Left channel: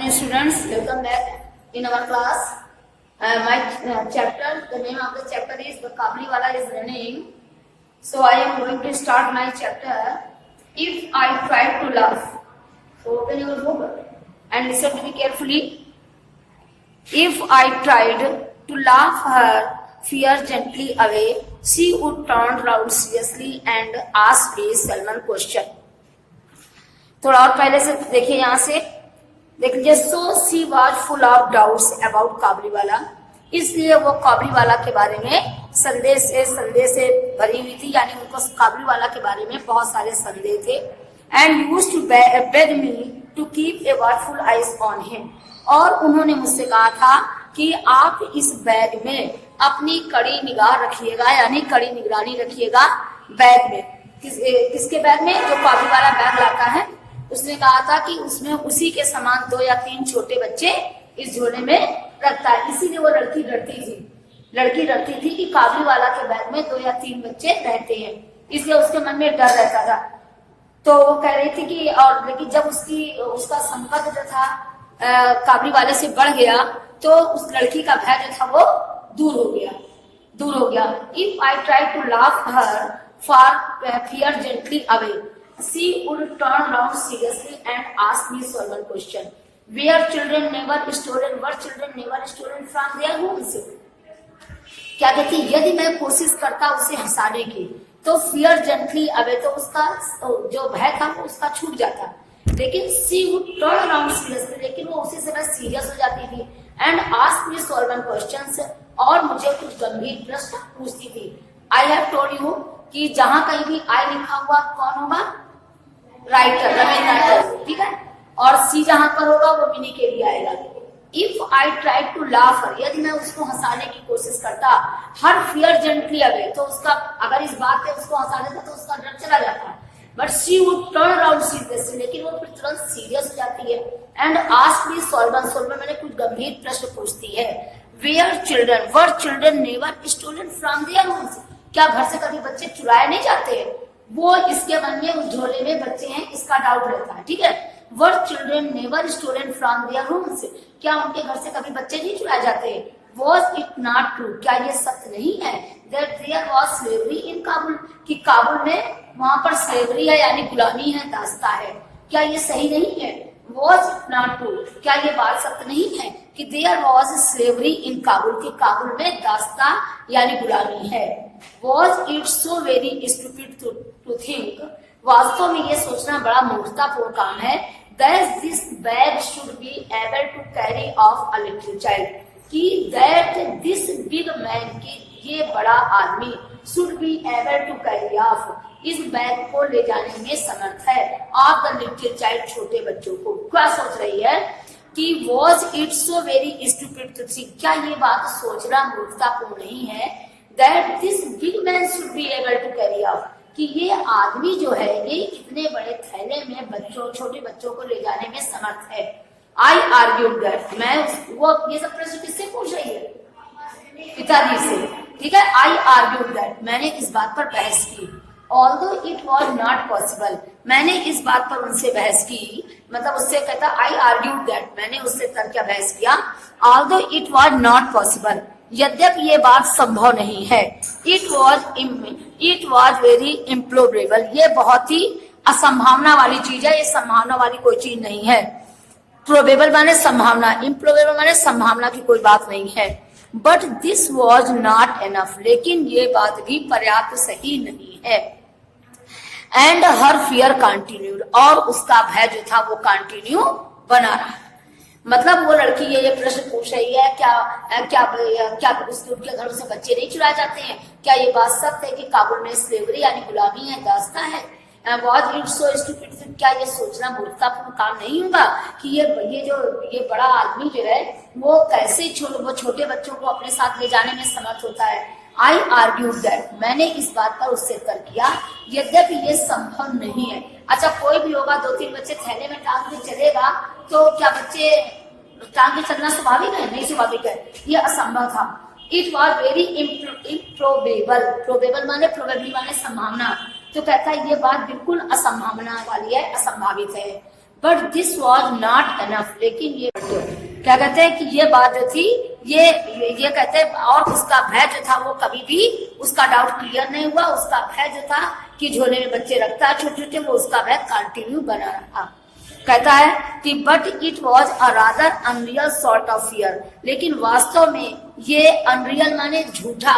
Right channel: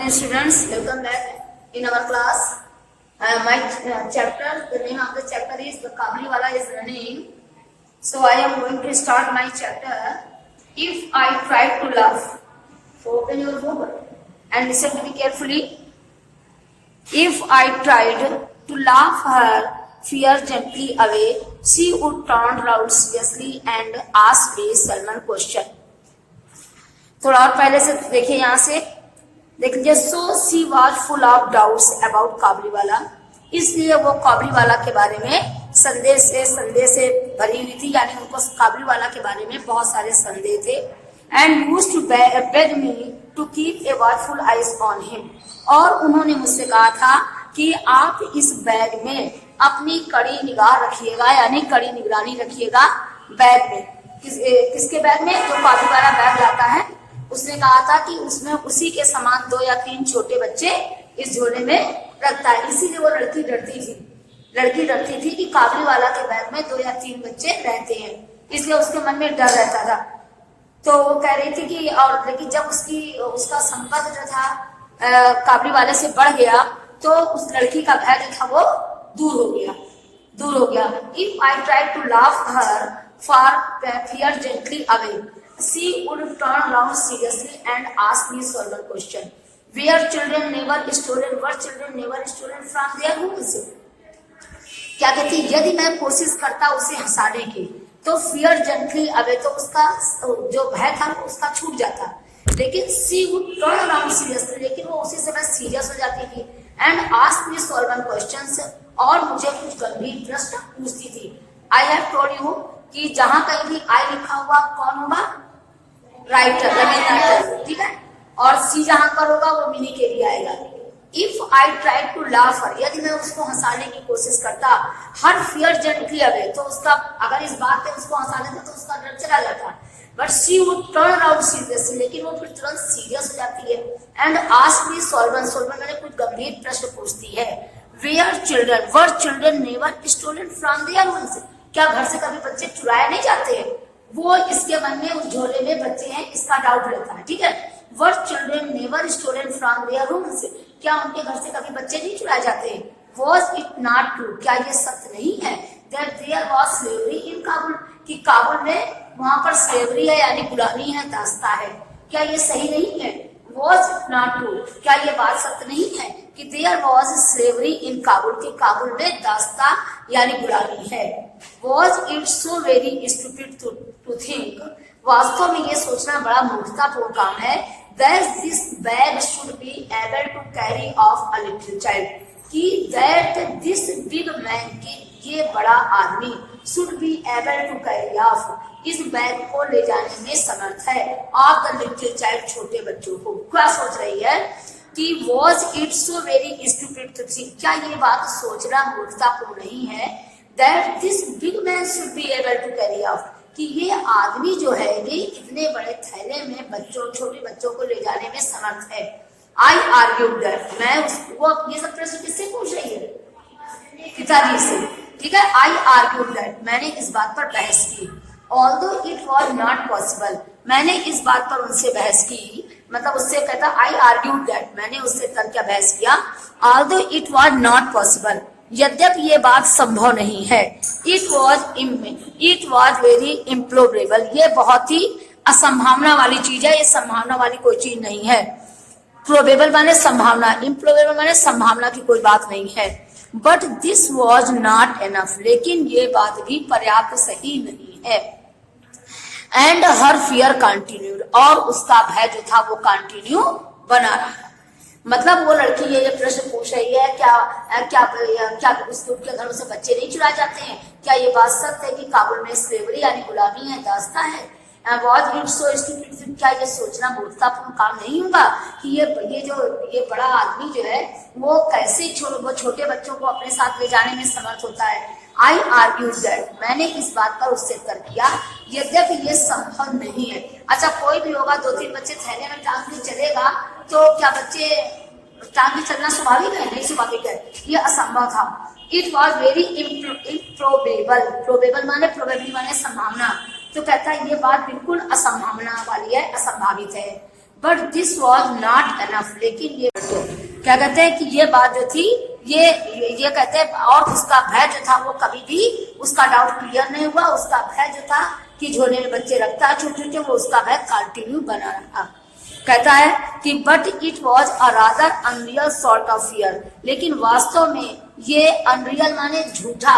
afternoon, students. Welcome back in our class. My chapter, the name of the chapter is the Kabliwala is running. So I am going to start my chapter. If I try to laugh, so open your book and listen to me carefully. If I tried to laugh her fear gently away, she would turn round seriously and ask me Salman question. थोड़ा और पहले से देखिए, यहाँ से देख लीजिए. So she was full of doubts about Kabuliwala, इसलिए वो काबलीवाला के बारे में संदेह से भरी हुई थी, यानी उनको काबलीवाला के बारे में बहुत सारे संदेह थे. And used to beg me to keep a watchful eyes on him, और उन्होंने मुझसे कहा था कि आप इस बैग में अपनी कड़ी निगाह रखिएगा, यानी कड़ी निगरानी रखिएगा बैग में. किसके बैग में? जो काबलीवाला बैग लाता है, उसने कहा था कि उसमें उसी के समान 2 या 3 छोटे बच्चे इस झोले में रखता है. इसीलिए वो लड़की डरती थी कि काबलीवाला के बैग में 2 या 3 बच्चे रहते हैं, इसलिए उसके मन में डर रहता था. तो वो कह रही थी कि और लेकिन जब उसका संपर्क जो था काबलीवाले से बढ़ गया, तो उस लड़की का भय जो था वो दूर हो गया. If I try to laugh her for fear gently away, she would turn round seriously and ask me certain question. Were children never stolen from their homes? क्या कहती, यदि मैं कोशिश करता उसे हंसाने की, तो fear gently away, तो उसका जो भय था वो उसका छूट जाता. लेकिन she would turn round seriously, लेकिन वो उसी समय सीरियस हो जाती थी. and ask me certain questions, और मुझे कुछ गंभीर प्रश्न पूछती थी. I have told you कि जहां कहीं भी I लिखा हुआ कौन होगा? राइटर, राइटर, ठीक है. और सी जहां पर होगा वो मिनी के लिए आएगा. If I try to laugh her, यदि मैं उसको हंसाने की कोशिश करता, हर फियर जेंटली अवे, तो उसका अगर इस बात पे उसको हंसा देता तो उसका डर चला जाता. But she would turn around serious, लेकिन वो फिर तुरंत सीरियस हो जाती है. एंड आस्क मी सॉल्व, मैंने कुछ गंभीर प्रश्न पूछती है. Were children never stolen from their homes, क्या घर से कभी बच्चे चुराए नहीं जाते हैं? वो इसके मन में उस झोले में बच्चे हैं इसका डाउट रहता है, ठीक है. Were children never stolen from their homes, क्या उनके घर से कभी बच्चे नहीं चुराए जाते? वॉज इट नॉट ट्रू, क्या ये सत्य नहीं है? That there was slavery in Kabul, कि काबुल में वहां पर स्लेवरी है, यानी गुलामी है, दास्ता है. क्या ये सही नहीं है? वॉज इट नॉट ट्रू, क्या ये बात सत्य नहीं है कि there was slavery in Kabul, के काबुल में दास्ता यानी गुलामी है. Was it so very stupid to think, वास्तव में ये सोचना बड़ा मूर्खतापूर्ण काम है. That this bag should be able to carry off a little child, कि दैट दिस बिग मैन, की ये बड़ा आदमी, should be able to carry off, इस बैग को ले जाने में समर्थ है, ऑफ द लिटिल चाइल्ड, छोटे बच्चों को. क्या सोच रही है कि was it so very stupid to think, क्या ये बात सोचना मूर्खतापूर्ण नहीं है? That this big man should be able to carry off, कि ये आदमी जो है ये इतने बड़े थैले में छोटे बच्चों को ले जाने में समर्थ है. आई आर्ग्यूड दैट, वो ये सब प्रश्न किससे पूछ रही है? पिताजी से, ठीक है. आई आर्ग्यूड दैट, मैंने इस बात पर बहस की. Although it was not possible, मैंने इस बात पर उनसे बहस की, मतलब उससे कहता आई आर्ग्यूड दैट, मैंने उससे तर्क बहस किया. Although it was not possible, यद्यपि ये बात संभव नहीं है. इट वॉज वेरी इम्प्रोबेबल, ये बहुत ही असंभावना वाली चीज है, ये संभावना वाली कोई चीज नहीं है. प्रोबेबल माने संभावना, इम्प्रोबेबल माने संभावना की कोई बात नहीं है. But this was not enough, लेकिन ये बात भी पर्याप्त सही नहीं है. एंड हर फियर कंटिन्यूड, और उसका भय जो था वो कंटिन्यू बना रहा. मतलब वो लड़की ये प्रश्न पूछ रही है, क्या उसके घरों से बच्चे नहीं चुराए जाते हैं? क्या ये बात सत्य है कि काबुल में स्लेवरी यानी गुलामी है, दास्ता है? वॉज इट सो स्टूपिड, क्या ये सोचना मूर्खतापूर्ण काम नहीं होगा कि ये बड़ा आदमी जो है वो कैसे छोटे बच्चों को अपने साथ ले जाने में समर्थ होता है? आई आर्ग्यूड दैट, मैंने इस बात पर उससे तर्क किया, यद्यपि ये संभव नहीं है. अच्छा, कोई भी होगा 2-3 बच्चे थैले में टांग के चलेगा, तो क्या बच्चे टांग के चलना स्वाभाविक है? नहीं स्वाभाविक है, ये असंभव था. It was very improbable, probable माने प्रोबेबली माने संभावना, तो कहता है ये बात बिल्कुल असंभावना वाली है, असंभावित है. But this was not enough, लेकिन ये क्या कहते हैं कि ये बात जो थी ये कहते हैं, और उसका भय जो था वो कभी भी उसका डाउट क्लियर नहीं हुआ। उसका भय जो था कि झोले में बच्चे रखता है छोटे छोटे, वो उसका भय कंटिन्यू बना रहा। कहता है कि but it was a rather unreal sort of fear, लेकिन वास्तव में ये अनरियल माने झूठा,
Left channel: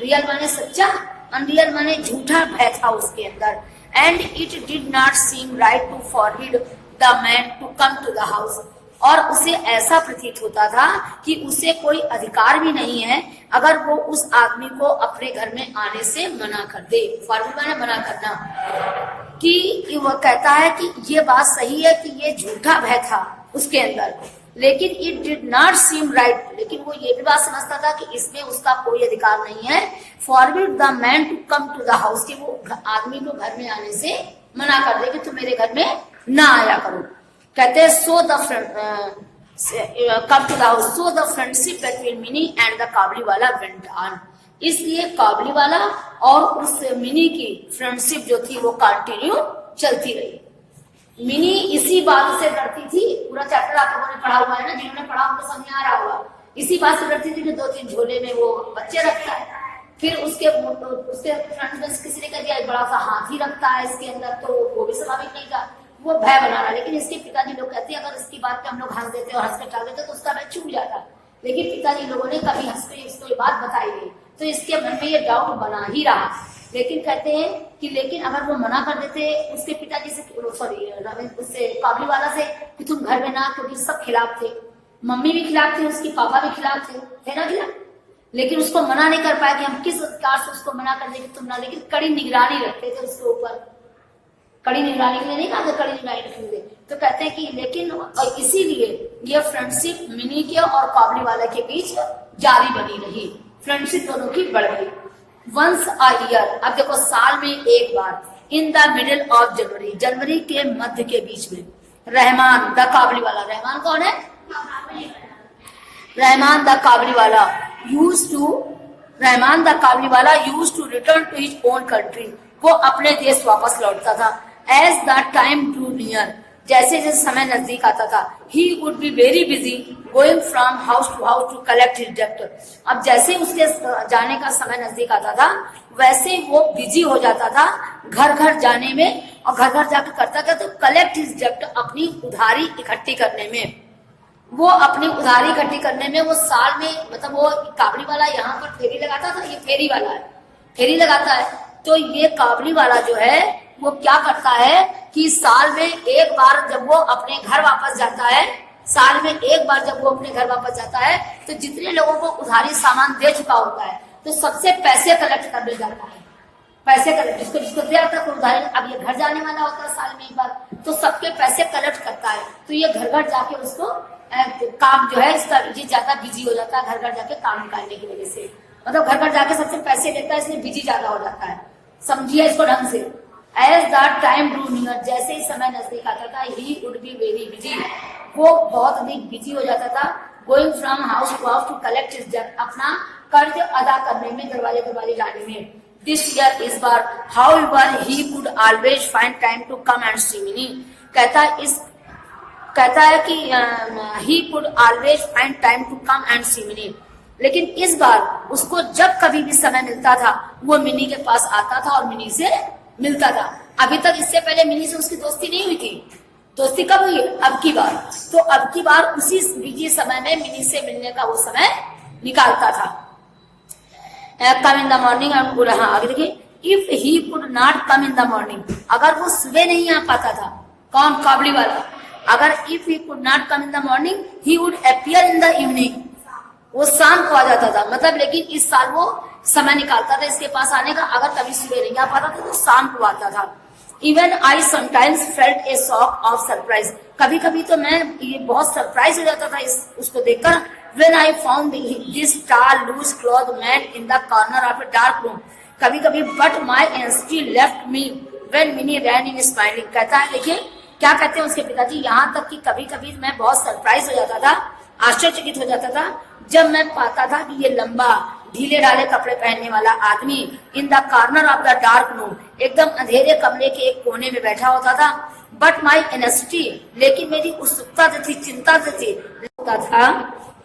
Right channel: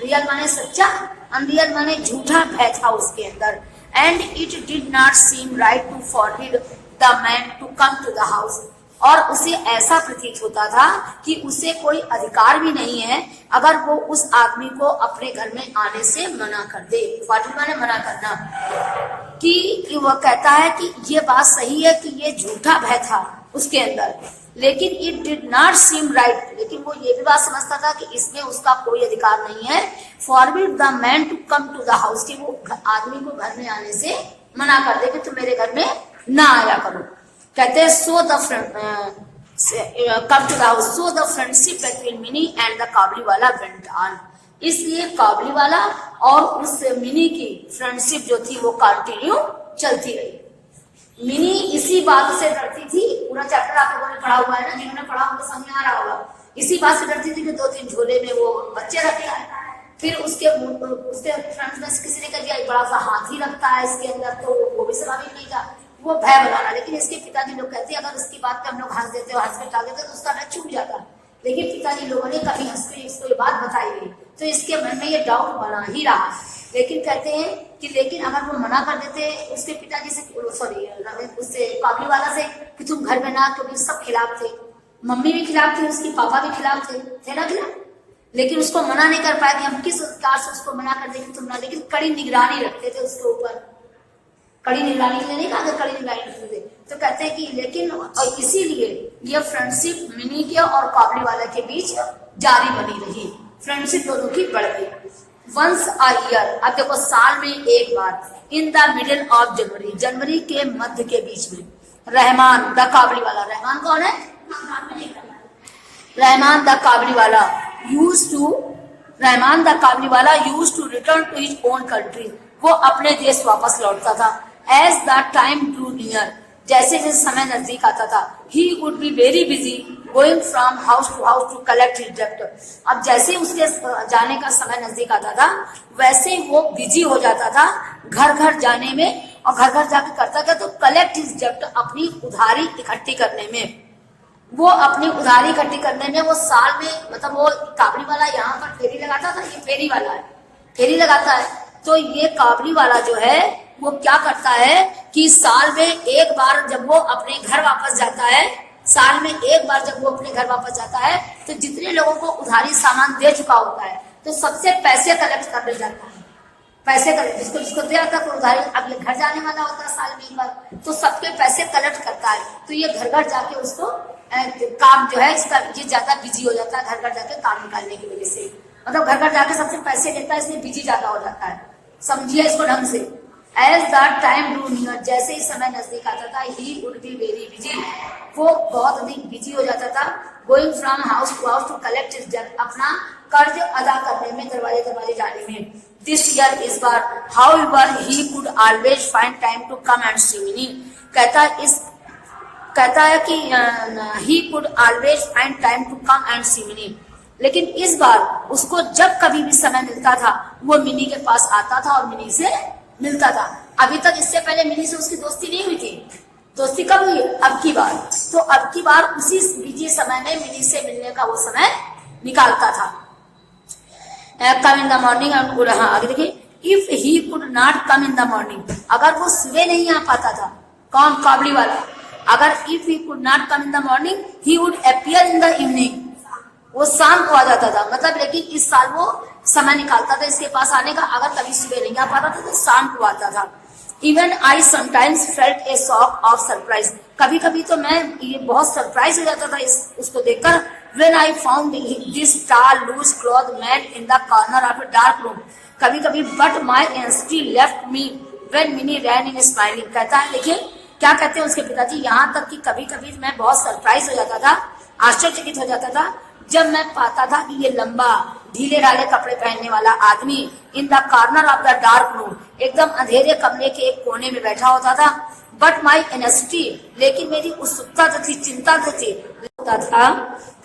रियल माने सच्चा, अनरियल माने झूठा भय था उसके अंदर। And it did not seem right to forbid the man to come to the house, और उसे ऐसा प्रतीत होता था कि उसे कोई अधिकार भी नहीं है अगर वो उस आदमी को अपने घर में आने से मना कर दे। फॉरबिड माने मना करना, कि वह कहता है कि ये बात सही है कि ये झूठा भय था उसके अंदर, लेकिन it did not seem right, लेकिन वो ये भी बात समझता था कि इसमें उसका कोई अधिकार नहीं है forbid the man to come to the house, कि वो आदमी को घर में आने से मना कर दे कि तुम मेरे घर में ना आया करो। कहते हैं so the come to the house, so the friendship between Mini and the Kabuliwala went on, इसलिए काबुलीवाला और उस मिनी की फ्रेंडशिप जो थी वो कंटिन्यू चलती रही। मिनी इसी बात से डरती थी, पूरा चैप्टर आप लोगों ने पढ़ा हुआ है ना, जिन्होंने पढ़ा उनको समझ में आ रहा होगा, इसी बात से डरती थी कि 2-3 झोले में वो बच्चे रखता है। फिर उसके फ्रेंड्स में किसी ने कह दिया बड़ा सा हाथी रखता है इसके अंदर, तो वो भी स्वाभाविक नहीं था, वो भय बनाना। लेकिन इसके पिताजी लोग कहते हैं अगर इसकी बात पे हम लोग हंस देते और हंस के टाल देते तो उसका भय छूट जाता, लेकिन पिताजी लोगों ने कभी हंस के इसको ये बात बताई नहीं, तो इसके मन में ये डाउट बना ही रहा। लेकिन कहते हैं कि लेकिन अगर वो मना कर देते उसके पिताजी से, सॉरी उससे काबुलीवाला से, कि तुम घर में ना, क्योंकि सब खिलाफ थे, मम्मी भी खिलाफ थी, उसकी पापा भी खिलाफ थे ना खिलाफ, लेकिन उसको मना नहीं कर पाए कि हम किस अधिकार से उसको मना कर देंगे तुम ना, लेकिन कड़ी निगरानी रखते थे उसके ऊपर, कड़ी निगरानी के लिए नहीं कहा, कड़ी निगरानी रखते थे। तो कहते हैं कि लेकिन और इसीलिए ये फ्रेंडशिप मिनी के और काबुलीवाला के बीच जारी बनी रही, फ्रेंडशिप दोनों की बढ़ गई। वंस अ ईयर, अब देखो साल में एक बार, in the middle of January, जनवरी के मध्य के बीच में, रहमान द काबुलीवाला, रहमान कौन है? Rahman the Kabuliwala Rahman the Kabuliwala used to return to his own country, वो अपने देश वापस लौटता था। As the time drew near, जैसे जैसे समय नजदीक आता था, he would be very busy going from house to collect his डेब्ट, अब जैसे उसके जाने का समय नजदीक आता था वैसे वो बिजी हो जाता था घर घर जाने में, और घर घर जाकर करता था तो कलेक्ट हिज डेब्ट, अपनी उधारी इकट्ठी करने में, वो अपनी उधारी इकट्ठी करने में वो साल में, मतलब वो काबुलीवाला यहाँ पर फेरी लगाता था, ये फेरी वाला है, फेरी लगाता है, तो ये काबुलीवाला जो है वो क्या करता है कि साल में एक बार जब वो अपने घर वापस जाता है, साल में एक बार जब वो अपने घर वापस जाता है तो जितने लोगों को उधारी सामान दे चुका होता है तो सबसे पैसे कलेक्ट करने जाता है, पैसे कलेक्ट, जिसको जिसको दे रहा था उधारी, अब ये घर जाने वाला होता है साल में एक बार, तो सबके पैसे कलेक्ट करता है, तो ये घर घर जाके उसको काम जो है इसका ये ज्यादा बिजी हो जाता है, घर घर जाके काम निकालने की वजह से, मतलब घर घर जाके सबसे पैसे लेता है, इसलिए बिजी ज्यादा हो जाता है, समझिए इसको ढंग से। As the time drew near, जैसे ही समय नजदीक आता था, he would be very busy, वो बहुत अधिक बिजी हो जाता था, going from house to collect his डेब्ट, अपना कर्ज अदा करने में, दरवाजे दरवाजे जाने में। दिस ईयर, इस बार, however he could always find time to come and see me, कहता है कि he could always find time to come and see me, लेकिन इस बार उसको जब कभी भी समय मिलता था वो मिनी के पास आता था और मिनी से मिलता था। अभी तक इससे पहले मिनी से उसकी दोस्ती नहीं हुई थी, दोस्ती कब हुई? अब की बार, तो अब की बार उसी बिजी समय में मिनी से मिलने का वो समय निकालता था। कम इन द मॉर्निंग, हाँ आगे देखिए, if he could not come in the morning, अगर वो सुबह नहीं आ पाता था, कौन? काबुलीवाला, अगर if he could not come in the morning he would appear in the evening, वो शाम को आ जाता था, मतलब लेकिन इस साल वो समय निकालता था इसके पास आने का, अगर कभी सुबह नहीं आ पाता था तो शाम को आता था। Even I sometimes felt A shock of surprise, कभी कभी तो मैं ये बहुत सरप्राइज हो जाता था उसको देखकर। When I found this tall loose cloth man in the corner of a dark room, कभी कभी but my anxiety left me when Mini ran in smiling, कहता है देखिए क्या कहते हैं उसके पिताजी, यहाँ तक कि कभी कभी मैं बहुत सरप्राइज हो जाता था, आश्चर्यचकित हो जाता था जब मैं पाता था कि ये लंबा ढीले ढाले कपड़े पहनने वाला आदमी इन the corner of the dark room, एकदम अंधेरे कमरे के एक कोने में बैठा होता था। बट माई एनेसिटी, लेकिन मेरी उत्सुकता जो थी, चिंता जो थी, होता था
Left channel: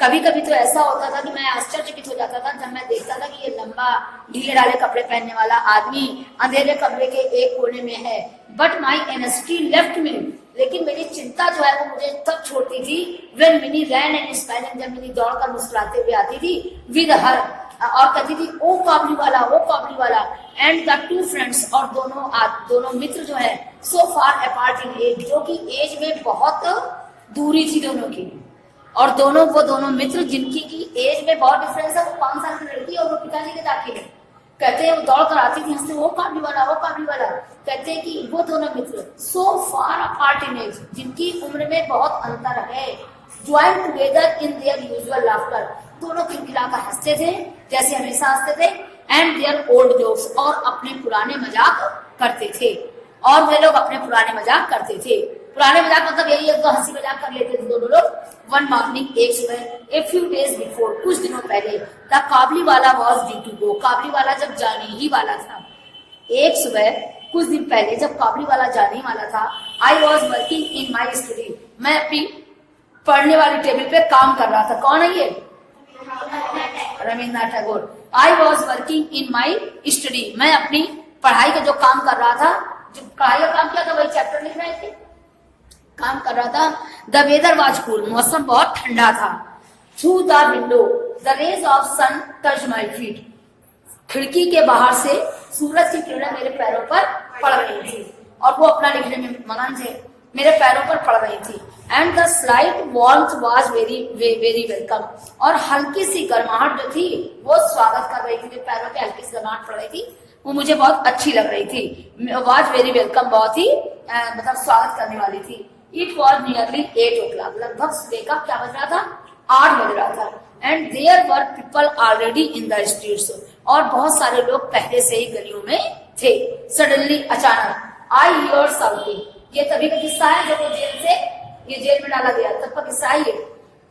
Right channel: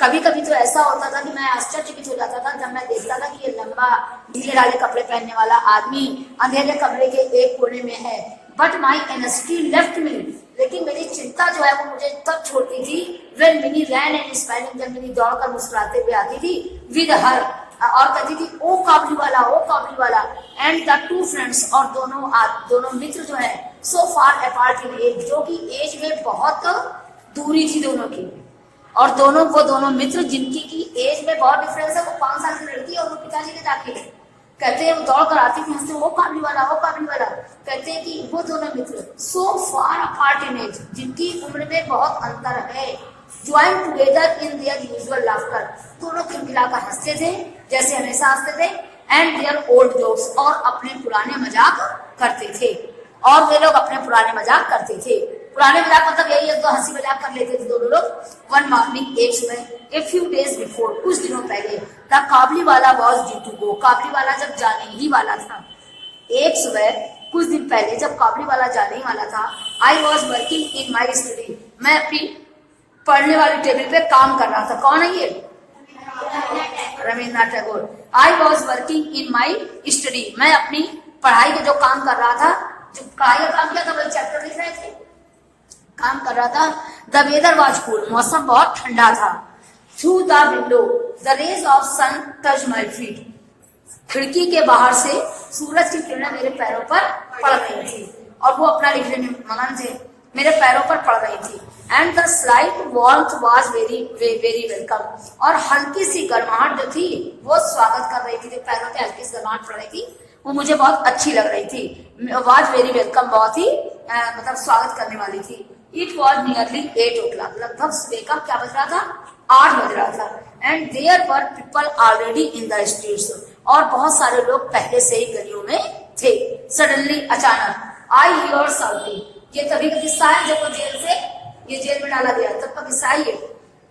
कभी कभी तो ऐसा होता था कि मैं आश्चर्यचकित हो जाता था जब मैं देखता था कि ये लंबा ढीले ढाले कपड़े पहनने वाला आदमी अंधेरे कमरे के एक कोने में है। बट माई एनेसिटी लेफ्ट मी, लेकिन मेरी चिंता जो है वो मुझे तब छोड़ती थी when Mini ran and smiling, जब मिनी दौड़कर मुस्कुराते हुए आती थी विद हर, और कहती थी ओ काबली वाला, ओ काबली वाला। एंड द टू फ्रेंड्स, और दोनों मित्र जो है सो फार अपार्ट इन एज, जो कि एज में बहुत दूरी थी दोनों की, और वो दोनों मित्र जिनकी की एज में बहुत डिफरेंस है, वो 5 साल की लड़की और वो पिताजी के दाखिल है। कहते हैं वो दौड़ कर आती थी हंसते, वो काबली वाला, वो काबली वाला। कहते हैं कि वो दोनों मित्र सो फार अपार्ट इन एज, जिनकी उम्र में बहुत अंतर है, join together in their usual laughter, दोनों खिलखिलाकर हंसते थे जैसे हमेशा हंसते थे, एंड देयर ओल्ड जोक्स, और अपने पुराने मजाक करते थे, और वे लोग अपने पुराने मजाक करते थे। पुराने मजाक मतलब यही है, तो हंसी मजाक कर लेते थे दोनों लोग। वन मॉर्निंग, एक सुबह, ए फ्यू डेज बिफोर, कुछ दिनों पहले, द काबली वाला वॉज ड्यू टू गो, काबली वाला जब जाने ही वाला था। एक सुबह कुछ दिन पहले जब काबली वाला जाने ही वाला था, I was working in my study, मैं अपनी पढ़ने वाली टेबल पे काम कर रहा था। कौन है ये? Rabindranath Tagore. I was working in my study, मैं अपनी पढ़ाई का जो काम कर रहा था, जो पढ़ाई का काम किया था वही चैप्टर लिख रहे थे, काम कर रहा था। द वेदर वाज कूल, मौसम बहुत ठंडा था। Through the window the rays of sun touch my feet, खिड़की के बाहर से सूरज की किरणें मेरे पैरों पर पड़ रही थी, और वो अपना लिखने में मगन थे, मेरे पैरों पर पड़ रही थी। And the slight warmth was very welcome, और हल्की सी गर्माहट जो थी वो स्वागत कर रही थी, जो पैरों पे हल्की सी गर्माहट पड़ रही थी वो मुझे बहुत अच्छी लग रही थी। वाज वेरी वेलकम, बहुत ही मतलब स्वागत करने वाली थी। इट वॉज नियरली 8 o'clock, लगभग सुबह का क्या बज रहा था? 8 बज रहा था। And there were people already in the streets, और बहुत सारे लोग पहले से ही गलियों में थे। सडनली, अचानक, आई हियर साउटिंग, ये तभी का किस्सा है जब वो जेल में डाला गया, तब का किस्सा है ये,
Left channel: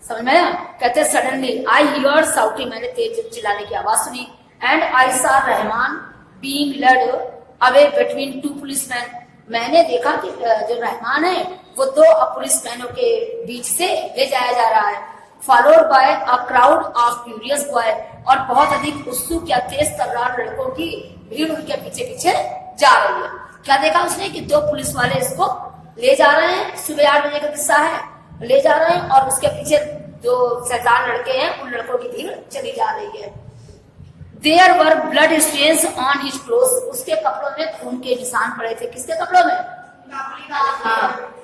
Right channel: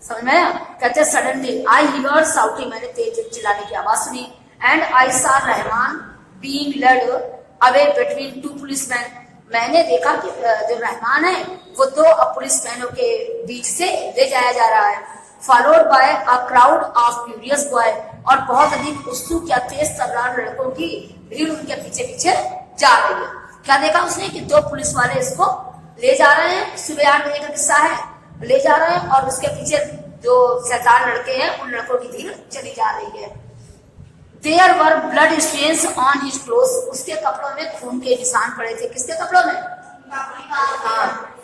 समझ में आया? कहते सडनली आई हियर साउटिंग, मैंने तेज चिल्लाने की आवाज सुनी। And I saw Rahman being led away between 2 policeman, मैंने देखा कि जो रहमान है वो 2 पुलिसमैनों के बीच से ले जाया जा रहा है। Followed by a crowd of curious boy, और बहुत अधिक उत्सुक या तेज तर्रार लड़कों की भीड़ उनके पीछे पीछे जा रही है। क्या देखा उसने कि 2 पुलिस वाले इसको ले जा रहे हैं, सुबह 8 बजे का किस्सा है, ले जा रहे हैं, और उसके पीछे जो सरदार लड़के हैं उन लड़कों की भीड़ चली जा रही है। There were blood stains on his clothes, उसके कपड़ों में खून के निशान पड़े थे। किसके कपड़ों में?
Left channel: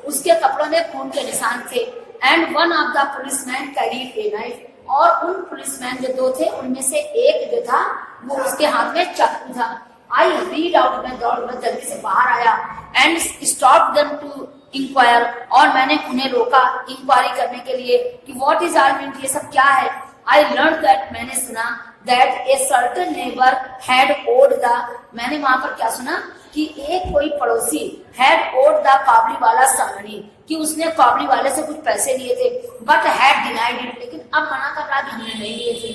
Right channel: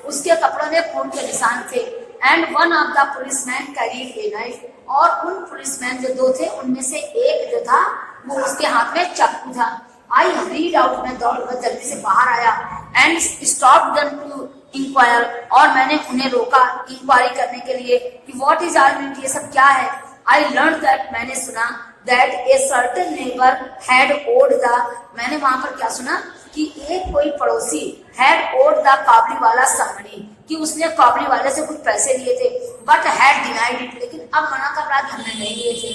उसके कपड़ों में खून के निशान थे। And one of the policeman carried a knife, और उन पुलिसमैन जो 2 थे उनमें से एक जो था वो उसके हाथ में चाकू था। आई रीड आउट, मैं दौड़ जल्दी से बाहर आया। And stop them to enquire, और मैंने उन्हें रोका इंक्वायरी करने के लिए कि व्हाट इज ऑल मीन, ये सब क्या है। आई लर्न दैट, मैंने सुना that a certain neighbor had owed the, मैंने वहां पर क्या सुना कि एक कोई पड़ोसी had owed the काबली वाला some money, कि उसने काबली वाले से कुछ पैसे लिए थे, but had denied it, लेकिन अब मना कर रहा कि हमने नहीं लिए थे।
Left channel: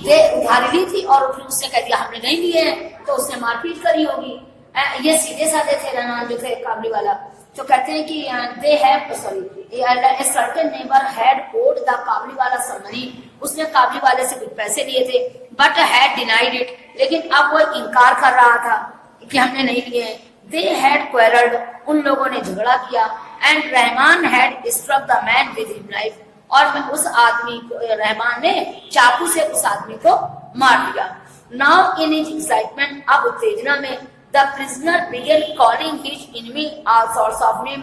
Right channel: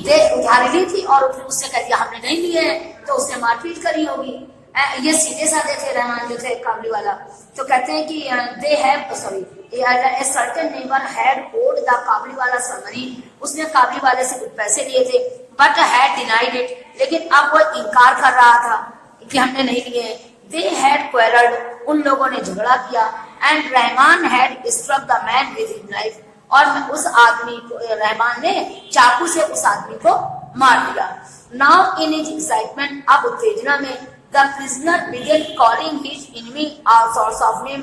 ये उधारी ली थी और उसने कह दिया हमने नहीं लिए हैं, तो उसने मारपीट करी होगी। ये सीधे साधे थे रहमान जो थे काबली वाला। तो कहते हैं कि they have sorry a certain neighbour had owed the Kabuliwala some money, उसने काबली वाले से कुछ पैसे लिए थे, बट हैड डिनाइड इट, लेकिन अब वो इनकार कर रहा था कि हमने नहीं लिए। दे हैड क्वेरल्ड, उन लोगों ने झगड़ा किया। And Rahman had struck the man with his knife, और उस आदमी को रहमान ने चाकू से उस आदमी को मार दिया। नाउ इन हिज एक्साइटमेंट, अब उत्तेजना में, the prisoner began calling his enemy all sorts of name,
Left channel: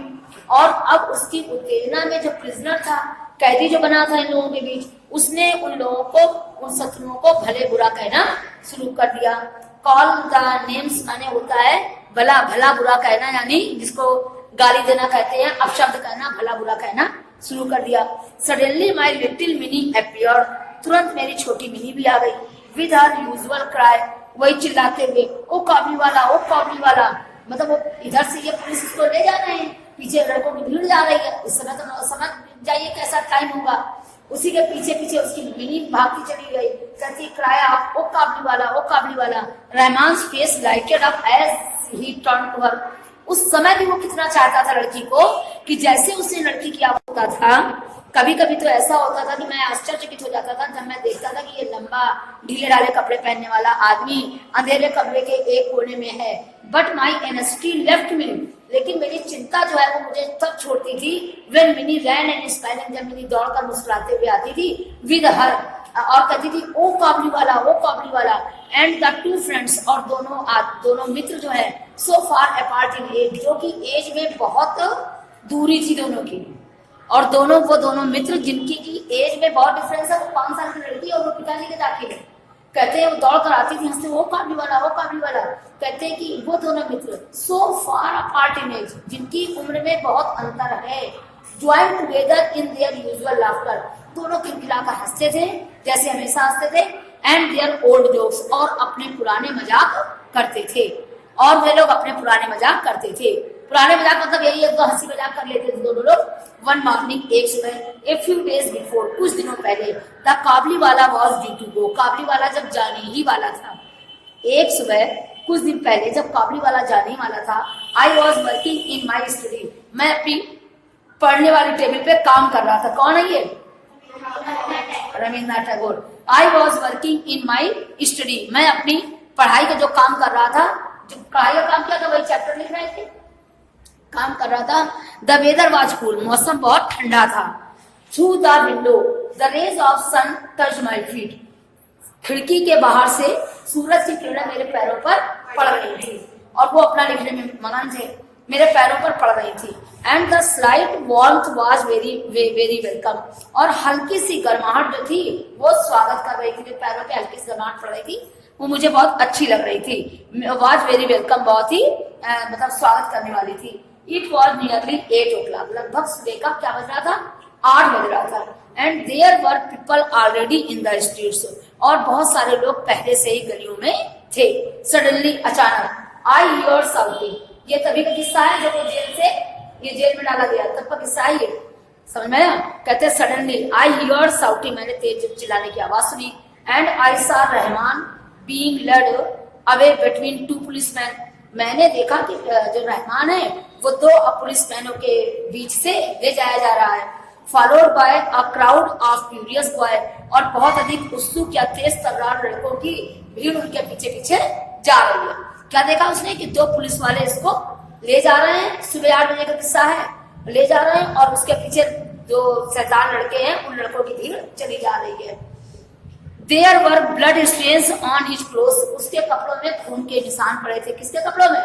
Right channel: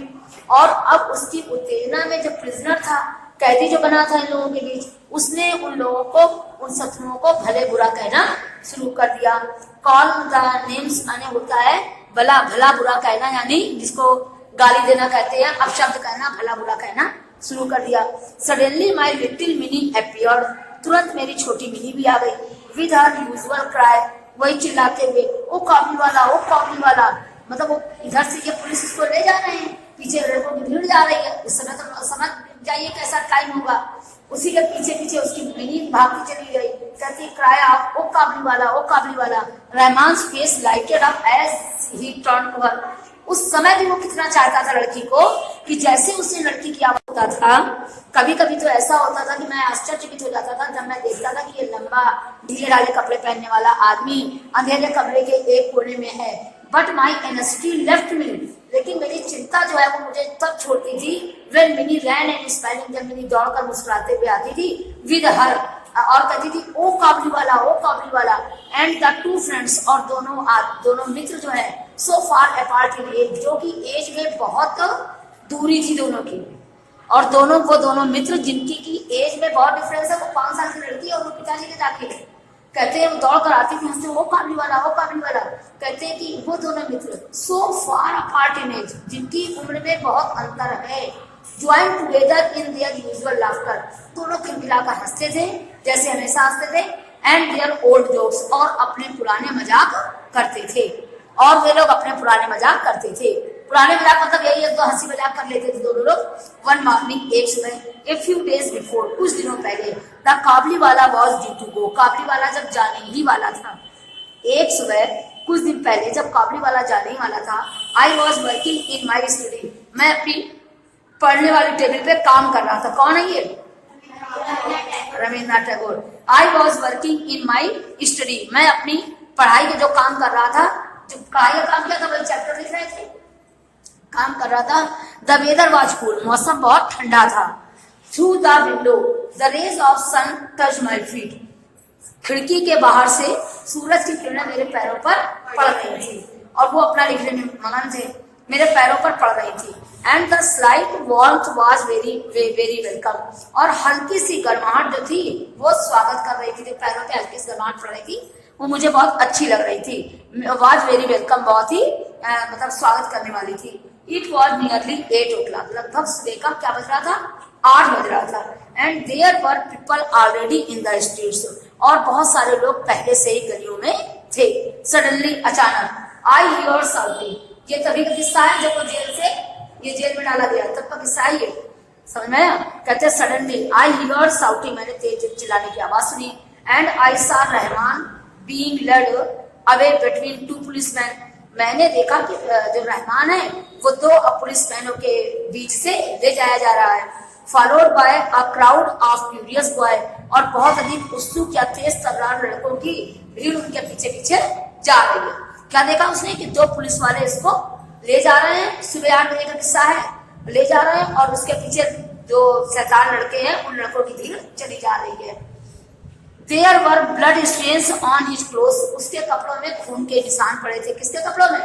और अब उसकी उत्तेजना में जो प्रिजनर था, कैदी जो बना था इन लोगों के बीच, उसने उन लोगों को, उन शत्रुओं को भले बुरा कहना शुरू कर दिया। कॉल द नेम्स माने होता है भला भला बुरा कहना, यानी जिसको गाली देना कहते हैं, अपशब्द कहना, भला बुरा कहना शुरू कर दिया। Suddenly my little mini appeared, तुरंत मेरी छोटी मिनी भी आ गई। विद हर यूजुअल क्राई, वही चिल्लाते हुए ओ काबली वाला, ओ काबली वाला, मतलब वो इधर से ये पुलिस इसको ले जा रहे हैं, पीछे लड़कों की भीड़ जा रही है। इस समय तो समझ जाइए कैसा टाइम होगा। उसी के पीछे पीछे उसकी मिनी भागती चली गई, कहती क्राई आउट, ओ काबली वाला, ओ काबली वाला। Rahman face lighted up as he turn to her. उस समय भी वो कितना चाहता था लड़की को कि जैसे उसने लड़की किया होता था। कभी कभी तो ऐसा होता था कि मैं आश्चर्यचकित हो जाता था जब मैं देखता था कि ये लंबा ढीले ढाले कपड़े पहनने वाला आदमी अंधेरे कमरे के एक कोने में है। बट माई एनेस्टी लेफ्ट मी, लेकिन मेरी चिंता जो है वो मुझे तब छोड़ती थी when Mini ran and smiling, जब मिनी दौड़कर मुस्कुराते हुए आती थी विद हर, और कहती थी ओ काबली वाला, ओ काबली वाला। एंड द टू फ्रेंड्स, और दोनों मित्र जो है सो फार अपार्ट इन एज, जो कि एज में बहुत दूरी थी दोनों की। और वो दोनों मित्र जिनकी की एज में बहुत डिफरेंस है, वो 5 साल की लड़की और वो पिताजी के दाखिल है। कहते हैं वो दौड़ कर आती थी हंसते, वो काबली वाला, वो काबली वाला। कहते हैं कि वो दोनों मित्र सो फार अपार्ट इन एज, जिनकी उम्र में बहुत अंतर है, join together in their usual laughter, दोनों खिलखिलाकर हंसते थे जैसे हमेशा हंसते थे। एंड देयर ओल्ड जोक्स, और अपने पुराने मजाक करते थे, और वे लोग अपने पुराने मजाक करते थे। पुराने मजाक मतलब यही है, तो हंसी मजाक कर लेते थे दोनों लोग। वन मॉर्निंग, एक सुबह, ए फ्यू डेज बिफोर, कुछ दिनों पहले, द काबली वाला वॉज ड्यू टू गो, काबली वाला जब जाने ही वाला था। एक सुबह कुछ दिन पहले जब काबली वाला जाने ही वाला था, I was working in my study, मैं अपनी पढ़ने वाली टेबल पे काम कर रहा था। कौन है ये? Rabindranath Tagore. I was working in my study, मैं अपनी पढ़ाई का जो काम कर रहा था, जो पढ़ाई का काम किया था वही चैप्टर लिख रहे थे, काम कर रहा था। द वेदर वाज कूल, मौसम बहुत ठंडा था। Through the window the rays of sun touch my feet, खिड़की के बाहर से सूरज की किरणें मेरे पैरों पर पड़ रही थी, और वो अपना लिखने में मगन थे, मेरे पैरों पर पड़ रही थी। And the slight warmth was very welcome, और हल्की सी गर्माहट जो थी वो स्वागत कर रही थी, जो पैरों पे हल्की सी गर्माहट पड़ रही थी वो मुझे बहुत अच्छी लग रही थी। वाज वेरी वेलकम, बहुत ही मतलब स्वागत करने वाली थी। इट वॉज नियरली 8 o'clock, लगभग सुबह का क्या बज रहा था? 8 बज रहा था। And there were people already in the streets, और बहुत सारे लोग पहले से ही गलियों में थे। सडनली, अचानक, आई हियर साउटिंग, ये तभी का किस्सा है जब वो जेल में डाला गया, तब का किस्सा है ये, समझ में आया? कहते सडनली आई हियर साउटिंग, मैंने तेज चिल्लाने की आवाज सुनी। And I saw Rahman being led away between two policeman, मैंने देखा कि जो रहमान है वो 2 पुलिसमैनों के बीच से ले जाया जा रहा है। Followed by a crowd of curious boy, और बहुत अधिक उत्सुक या तेज तर्रार लड़कों की भीड़ उनके पीछे पीछे जा रही है। क्या देखा उसने कि 2 पुलिस वाले इसको ले जा रहे हैं, सुबह 8 बजे का किस्सा है, ले जा रहे हैं, और उसके पीछे जो 7 लड़के हैं उन लड़कों की भीड़ चली जा रही है। There were blood stains on his clothes, उसके कपड़ों में खून के निशान पड़े थे। किसके कपड़ों में?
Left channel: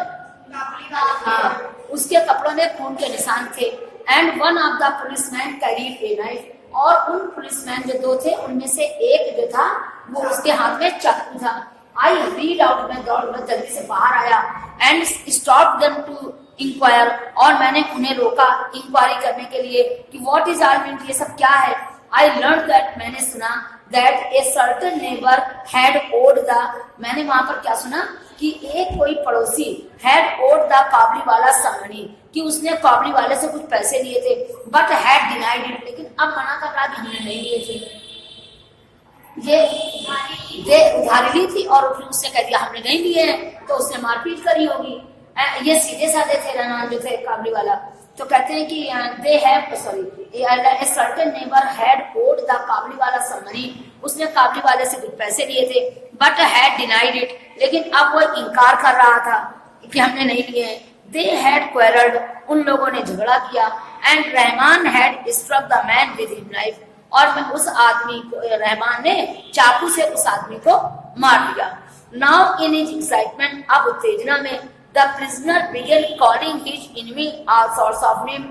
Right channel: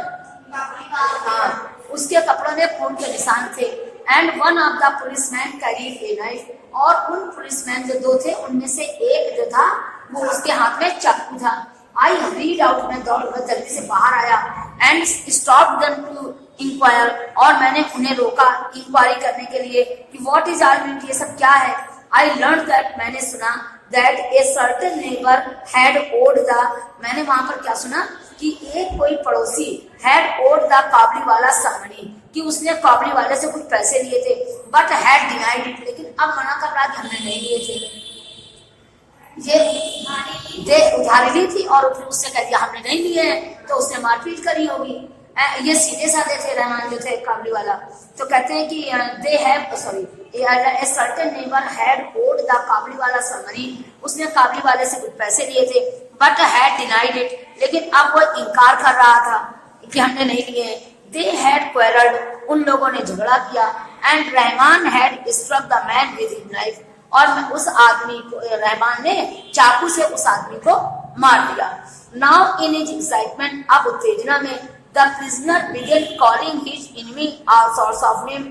उसके कपड़ों में खून के निशान थे। And one of the policemen carried a knife, और उन पुलिसमैन जो 2 थे उनमें से एक जो था वो उसके हाथ में चाकू था। I hurried out, मैं दौड़ जल्दी से बाहर आया। And stopped them to inquire, और मैंने उन्हें रोका इंक्वायरी करने के लिए कि what is all meant, ये सब क्या है। I learned that, मैंने सुना that a certain neighbor had owed the, मैंने वहां पर क्या सुना कि एक कोई पड़ोसी had owed the काबली वाला some money, कि उसने काबली वाले से कुछ पैसे लिए थे, but had denied it, लेकिन अब मना कर रहा कि हमने नहीं लिए थे। ये उधारी ली थी और फिर उसने कह दिया हमने नहीं लिए हैं, तो उसने मारपीट करी होगी। ये सीधे साधे थे रहमान जो थे काबली वाला। तो कहते हैं कि they have sorry a certain neighbour had owed the Kabuliwala some money, उसने काबली वाले से कुछ पैसे लिए थे, बट हैड डिनाइड इट, लेकिन अब वो इनकार कर रहा था कि हमने नहीं लिए। दे हैड क्वेरल्ड, उन लोगों ने झगड़ा किया। And Rahman had struck the man with his knife, और उस आदमी को रहमान ने चाकू से उस आदमी को मार दिया। नाउ इन हिज एक्साइटमेंट, अब उत्तेजना में, the prisoner began calling his enemy all sorts of name,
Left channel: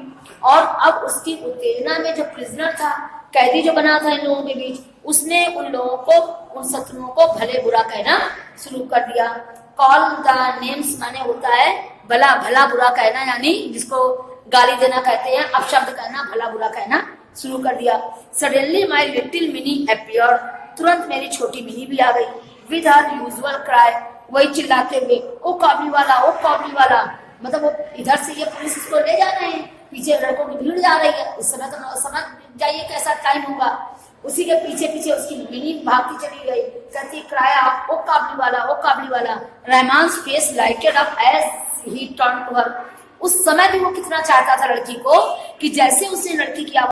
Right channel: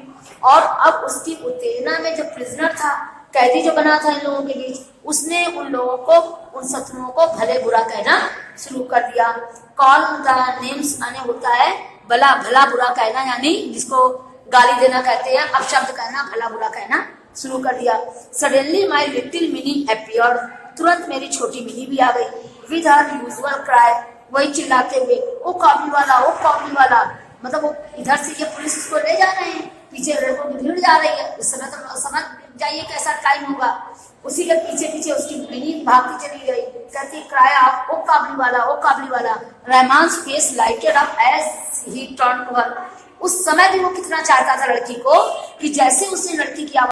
और अब उसकी उत्तेजना में जो प्रिजनर था, कैदी जो बना था इन लोगों के बीच, उसने उन लोगों को, उन शत्रुओं को भले बुरा कहना शुरू कर दिया। कॉल द नेम्स माने होता है भला बुरा कहना, यानी जिसको गाली देना कहते हैं, अपशब्द कहना, भला बुरा कहना शुरू कर दिया। Suddenly my little mini appeared, तुरंत मेरी छोटी मिनी भी आ गई। विद हर यूजुअल क्राई, वही चिल्लाते हुए ओ काबली वाला, ओ काबली वाला, मतलब वो इधर से ये पुलिस इसको ले जा रहे हैं, पीछे लड़कों की भीड़ जा रही है। इस समय तो समझ जाइए कैसा टाइम होगा। उसी के पीछे पीछे उसकी मिनी भागती चली गई, कहती क्राई आउट, ओ काबली वाला, ओ काबली वाला। Rahman's face lighted up as he turn to her. उस समय भी वो कितना चाहता था लड़की को कि जैसे उसने लड़की की आवाज